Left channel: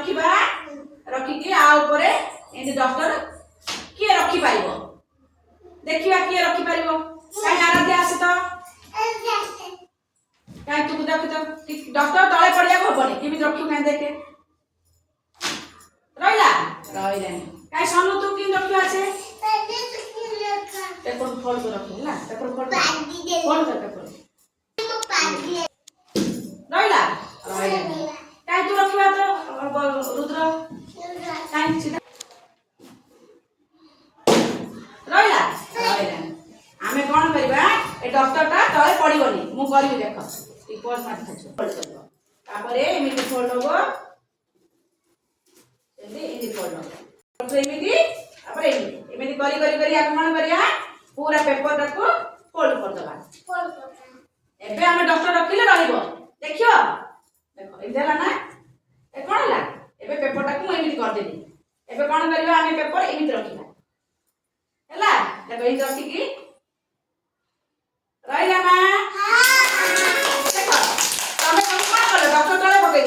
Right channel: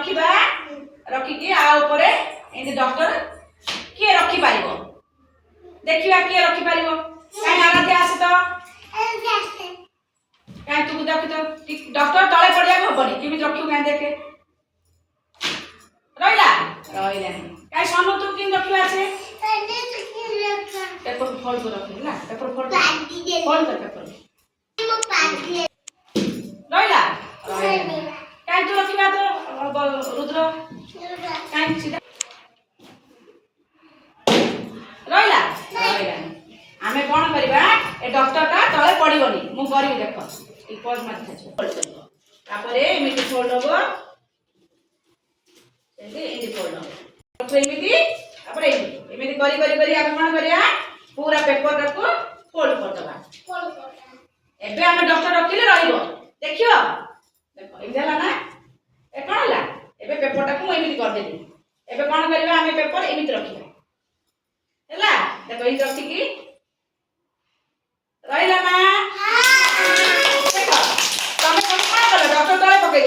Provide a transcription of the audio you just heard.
रखिबा रखिकी आ ऊपर एंती डॉक्टर किए रखी पारिबो देखिबा किए रखी पारिबो काई आराध्या आसे तो काई तू देख तो डॉक्टर तळे पड़िया होबनी केमि रखियो काई देखे रहिला रहिला काई सामु तू किन रखियो आसे पेपर फोल्ड कर रख ना पेपर फोल्ड कर पेपर रहिला रहिला काई तू रखिबा तो रुद्र काई सीधा रहिला रहिला आमे कोन करबा ए डॉक्टर का तळे पड़िबनी मु करी देख ई पॉज मार खाछ फोल्ड करबो तापरे एमिति फोल्ड होबो एमिति फोल्ड होबो तो एमिति तापरे एमिति करी आमे कोन करिया पूरा पेपर को फोल्ड कर दबा एबे आमे डॉक्टर रखिले रहिबो देखियो देखो ई देला ना ए कोन हला एबे पेपर टा को एमिति कर देबी एबे कोन करबा आमे पेपर एमिति रखिबा हला देखो ई रखी की रहिला ना हां देखो तमे कोन कर डॉक्टर तळे पके